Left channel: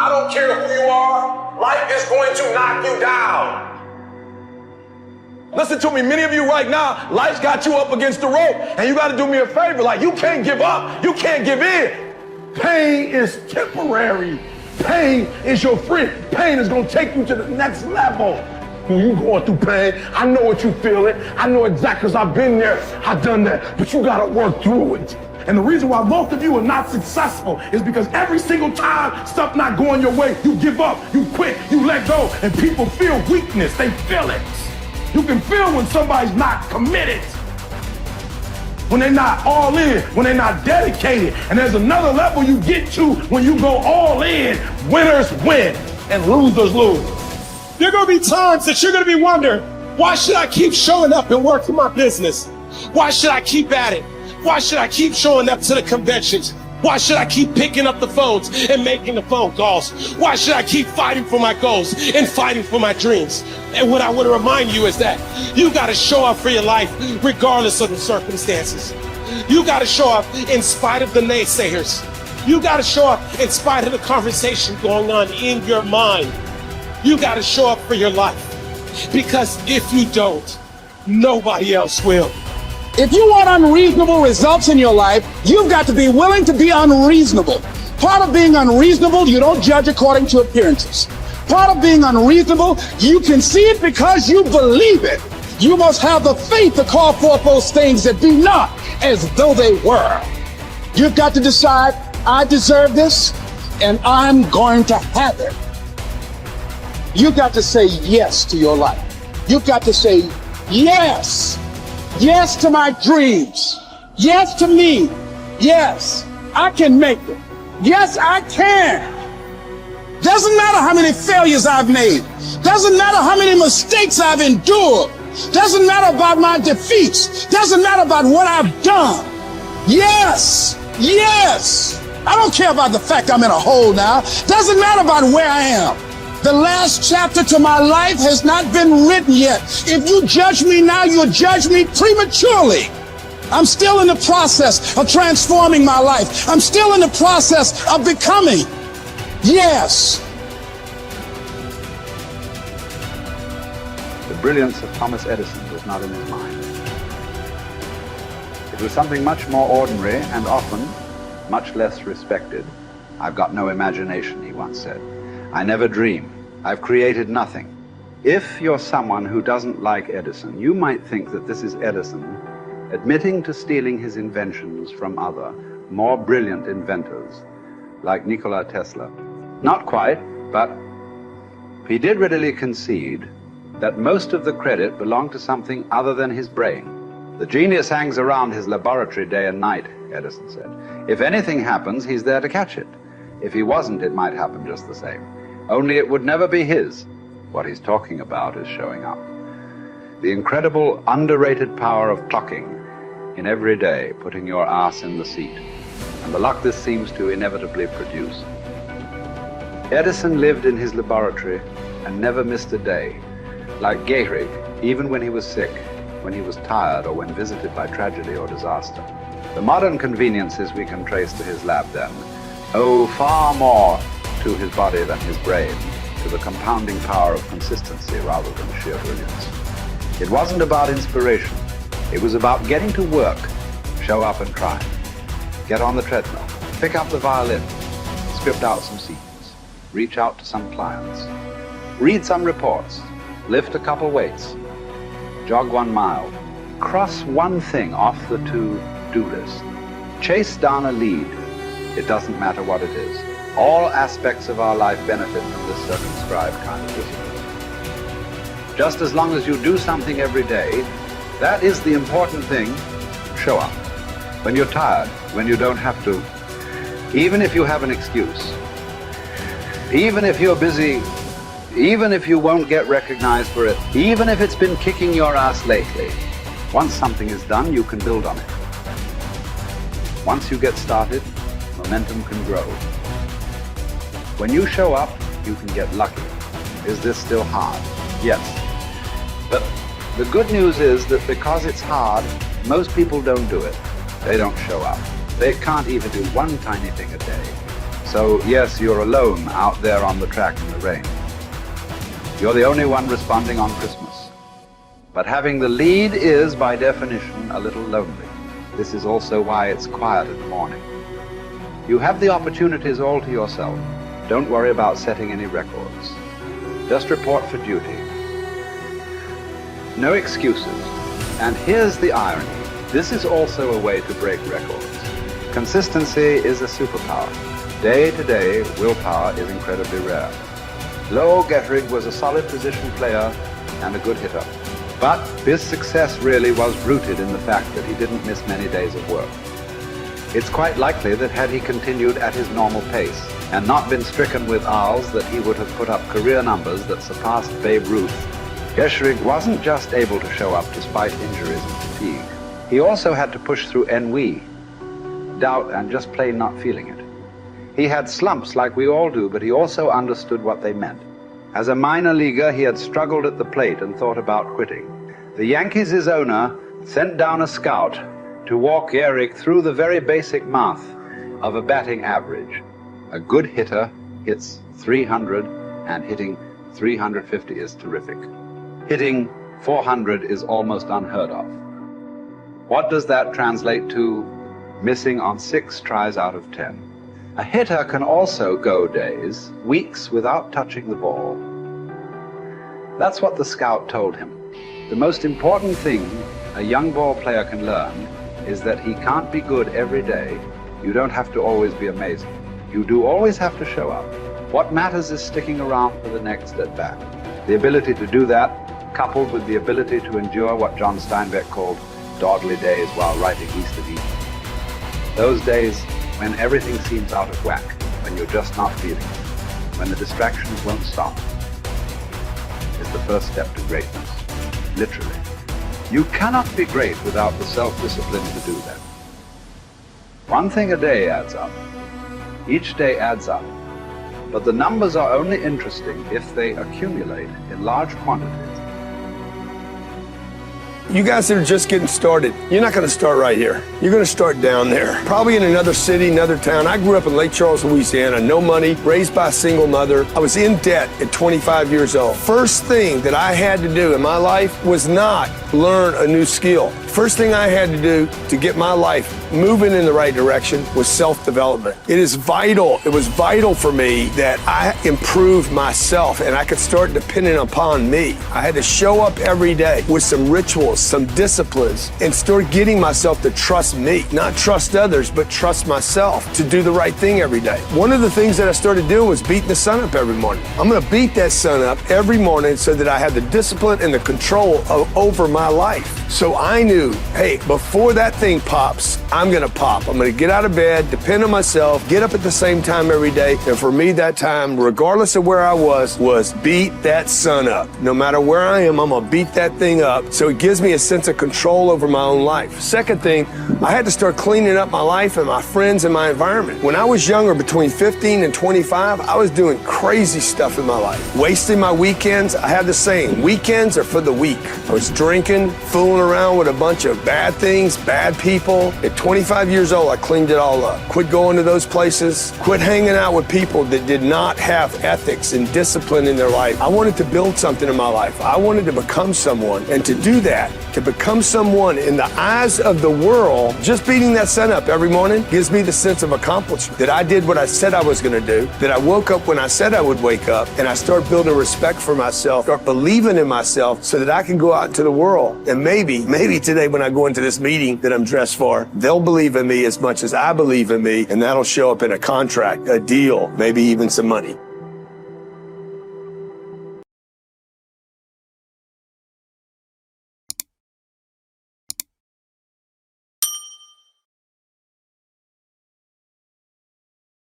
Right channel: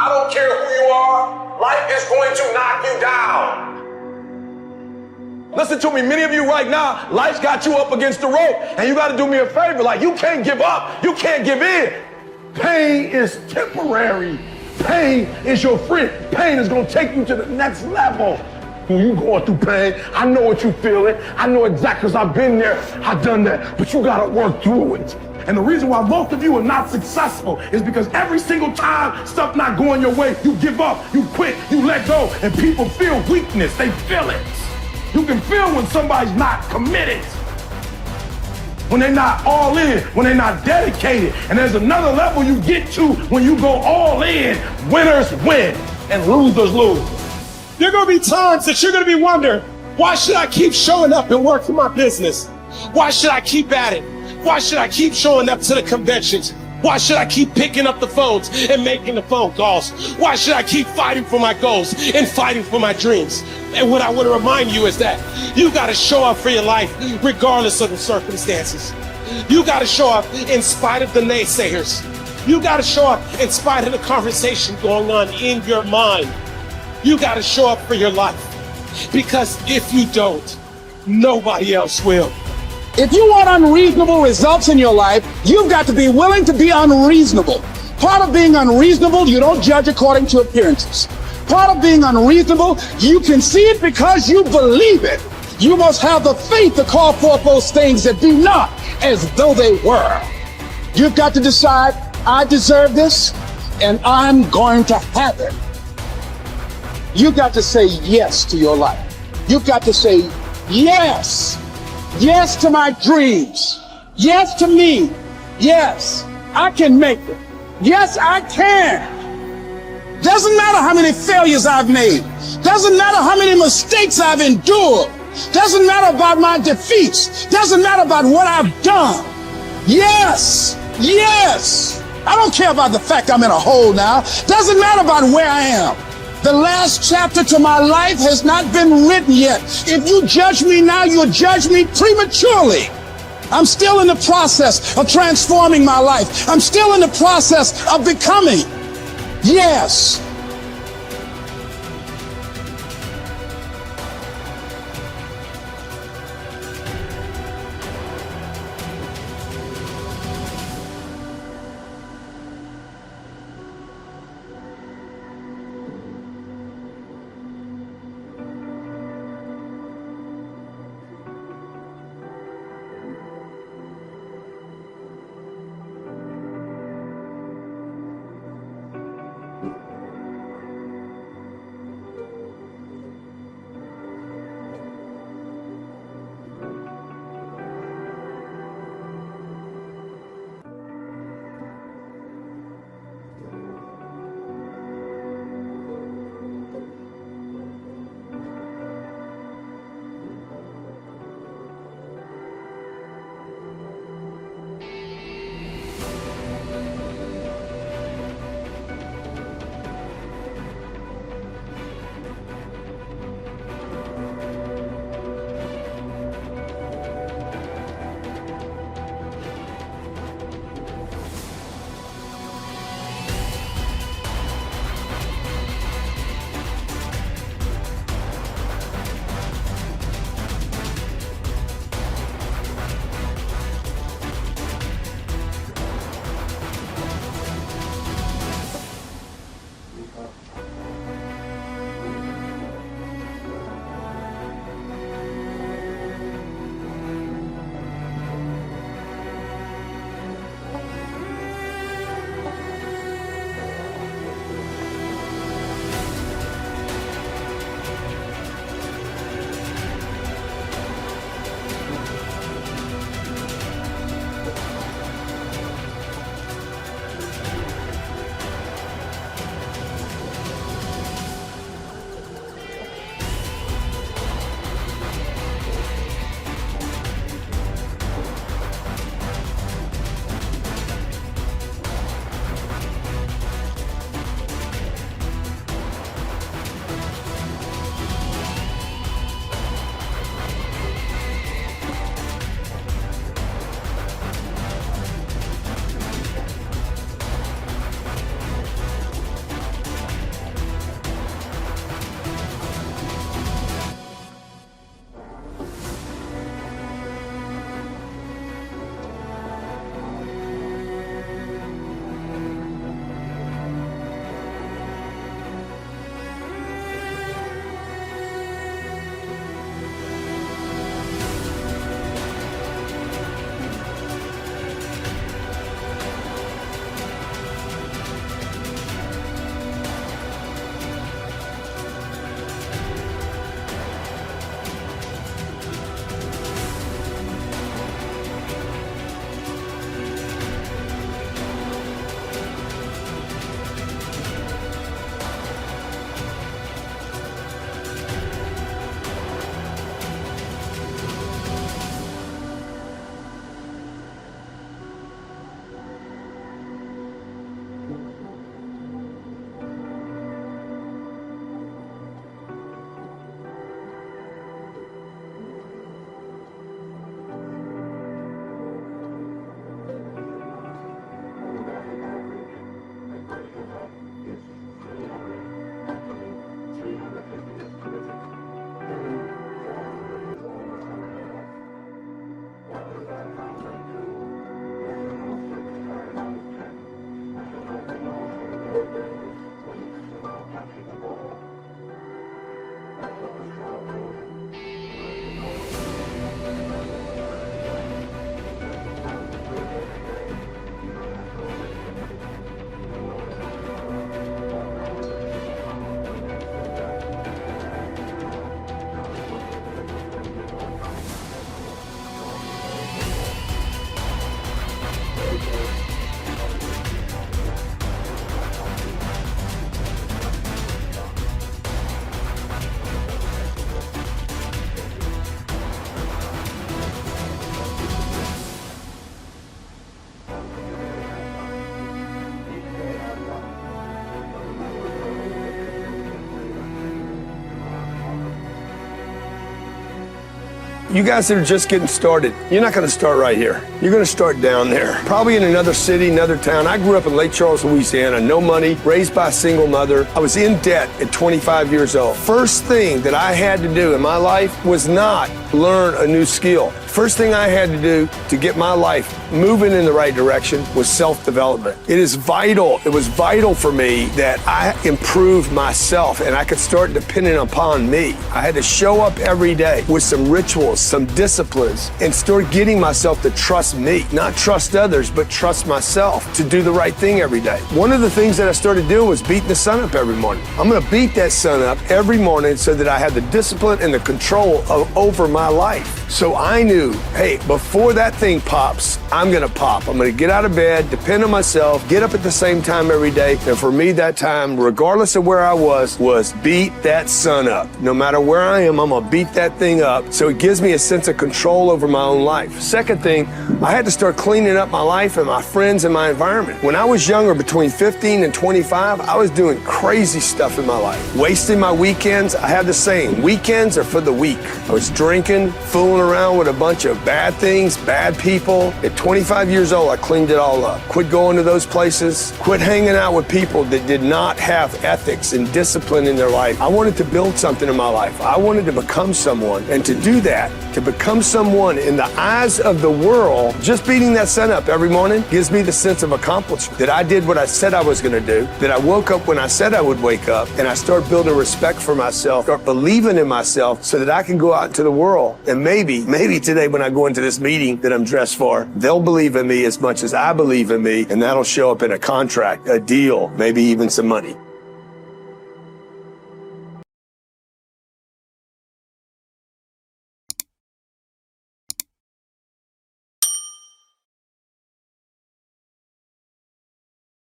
I don't care who you are. Life is going to knock you down. Listen to me, many of you right now, life's got you up against the rope, and you got to do me a favor. Like, you can't give up. You can't give in. Pain is temporary. Pain is your friend. Pain is going to take you to the next level. When you going through pain, I know what you feeling. I know exactly, because I've been there. I've done that. But you got to work through it. And the reason why most of you are not successful is because every single time stuff not going your way, you give up, you quit, you let go, and people feel weakness. They feel it. You can feel when somebody's not committed, when they're not all in, when they're not dedicated. And there's another level you get to when you go all in. Winners win and losers lose. There are going to be times that you're going to be wondering, why should I keep showing up and working my business? Why should I keep at it? Why should I keep showing up to the conventions? Why should I keep picking up the phones and making the phone calls? Why should I keep fighting for my goals and fighting for my dreams? And what I want to remind you is that you got to show up for your life regardless of the circumstances. You got to show up in spite of the naysayers. You got to show up in spite of the conversation going on in your mind. You got to show up for your life, because if you don't, nobody else will. If you want unreasonable results in your life, you've got to be willing to be unreasonable. Part of being unreasonable, you don't judge according to appearances. Part of being unreasonable, you can see it because you believe it. You must have the faith to call forth those things that be not as though they were. You've got to decide, I deserve this, and I'm going to have it. You've got to say yes to your life. You've got to say yes. Yes to my dreams. Yes to me. Yes, I can make it. Yes, I can. Doesn't matter how many failures I've made. Doesn't matter how many mistakes I've endured. Doesn't matter about my defeats. Doesn't matter about what I've done. Yes, yes. I don't care about the fact I'm in a hole now. Doesn't matter about where I am. The last chapter to my life has not been written yet. If you judge me now, you'll judge me prematurely. I'm still in the process of transforming my life. I'm still in the process of becoming. Yes. The brilliance of Thomas Edison was not in his mind. It was something much more ordinary and often much less respected. I've got no imagination, he once said. I never dream. I've created nothing. If you're someone who doesn't like Edison, you might think that this is Edison admitting to stealing his inventions from other, more brilliant inventors, like Nikola Tesla. Not quite, but he did readily concede that most of the credit belonged to something other than his brain. The genius hangs around his laboratory day and night, Edison said. If anything happens, he's there to catch it. If he wasn't, it might happen just the same. Only it would never be his. What he's talking about is showing up. The incredible, underrated power of clocking in every day, putting your ass in the seat, and the luck this seems to inevitably produce. Edison lived in his laboratory and never missed a day. Like Gehrig, even when he was sick, when he was tired, or when visited by tragedy or disaster. The modern conveniences we can trace to his lab then owe far more to his body than his brain, to the compounding power of consistency rather than sheer brilliance. It wasn't about inspiration. It was about getting to work, show up and try. Get on the treadmill, pick up the violin, script out some sequence, reach out to some clients, read some reports, lift a couple weights, jog 1 mile, cross one thing off the to-do list, chase down a lead. It doesn't matter what it is. All aspects of our life benefit from this circumscribed kind of discipline. Just as long as you do something every day, that is the important thing. Show up. When you're tired, when you don't have to, even if you have an excuse, even if you're busy, even if you won't get recognized for it, even if it's been kicking your ass lately, once something is done, you can build on it. Once you get started, momentum can grow. When you show up, you can get lucky. Is this still hard? Yes. But the good news is that because it's hard, most people don't do it. They don't show up. They can't even do one tiny thing a day. So yes, you're alone out there on the track in the rain. You're the only one responding on Christmas. But having the lead is, by definition, a little lonely. This is also why it's quiet in the morning. You have the opportunities all to yourself. Don't worry about setting any records. Just report for duty. No excuses. And here's the irony. This is also a way to break records. Consistency is a superpower. Day to day, willpower is incredibly rare. Lowell Gettrig was a solid position player and a good hitter. But his success really was rooted in the fact that he didn't miss many days of work. It's quite likely that had he continued at his normal pace and not been stricken with R's, that he would have put up career numbers that surpassed Babe Ruth. Gettrig wasn't just able to show up despite injuries and fatigue. He also had to push through ennui, doubt, and just plain not feeling it. He had slumps like we all do, but he also understood what they meant. As a minor leaguer, he had struggled at the plate and thought about quitting. The Yankees' owner sent down a scout to walk Gehrig through the very basic math of a batting average. A good hitter hits 300, and hitting 350 is terrific. Hitting 400 is almost unheard of. What does that translate to? Missing on 6 tries out of 10. A hitter can also go days, weeks without touching the ball. That's what the scout told him. The most important thing a young ball player can learn is that he can't be good every day. You don't have to always be amazing. You do always have to show up. What matters is sticking around for the next at bat. The ability to do that, coupled with the ability to endure what John Steinbeck called dogly days while writing East of Eden. Those days when everything seems out of whack, when you're just not feeling it, when the distractions won't stop, is the first step to greatness. Literally. You cannot be great without the self-discipline to do that. One thing a day adds up. Each day adds up. But the numbers are only interesting if they accumulate in large quantities. You guys that are just getting started, you're not going to start right here. You're going to start down there. Probably in another city, another town. I grew up in Lake Charles, Louisiana, no money, raised by a single mother. I was in debt at 25 years old. First thing that I had to do in my life was not learn a new skill. First thing I had to do to get my life moving in the right direction was self-development. It is vital. It was vital for me that I improved myself and I could start depending upon me. I had to show up every day with some rituals, some disciplines, and start getting myself to trust me, not trust others, but trust myself to do the right thing every day. One of the things that I started doing was beating the sun up every morning. I'm going to beat that sun up every morning so that I have the discipline and the control over my life. So I knew, hey, before that thing pops, I'm going to pop. I'm going to get out of bed, depend on myself, get up at the same time every day. And for me, that time, regardless of where I was beat that sun up. No matter where I am, I'm going to beat that thing up. So it gives me a sense of control over my own life. Second thing, I had to start cleaning up my life and my friends and my environment. When I was younger, between 15 and 25, I was doing crazy stuff in my life. Wasting my weekends. I have the saying, weekends are for the weak. I was drinking, fooling around with a bunch of bad things, bad people. At 25 years old, I cleaned it all up. Quit going to those places. Quit hanging out with people that did not have ethics and discipline in their life. I wanted to build something in my life. I wanted to become someone. And to do that, to become someone in the eyes of the world, just beating that sun up every morning gives me the sense of accomplishment that I did what I said I was going to do, that I woke up when I said I would wake up, and I start building respect for myself, start believing in myself so that I can go out into the world. And maybe today when I go into this meeting that I'm dressed for, they'll believe in me as much as I believe in me, and that'll show up in a contract, a deal, maybe even some money.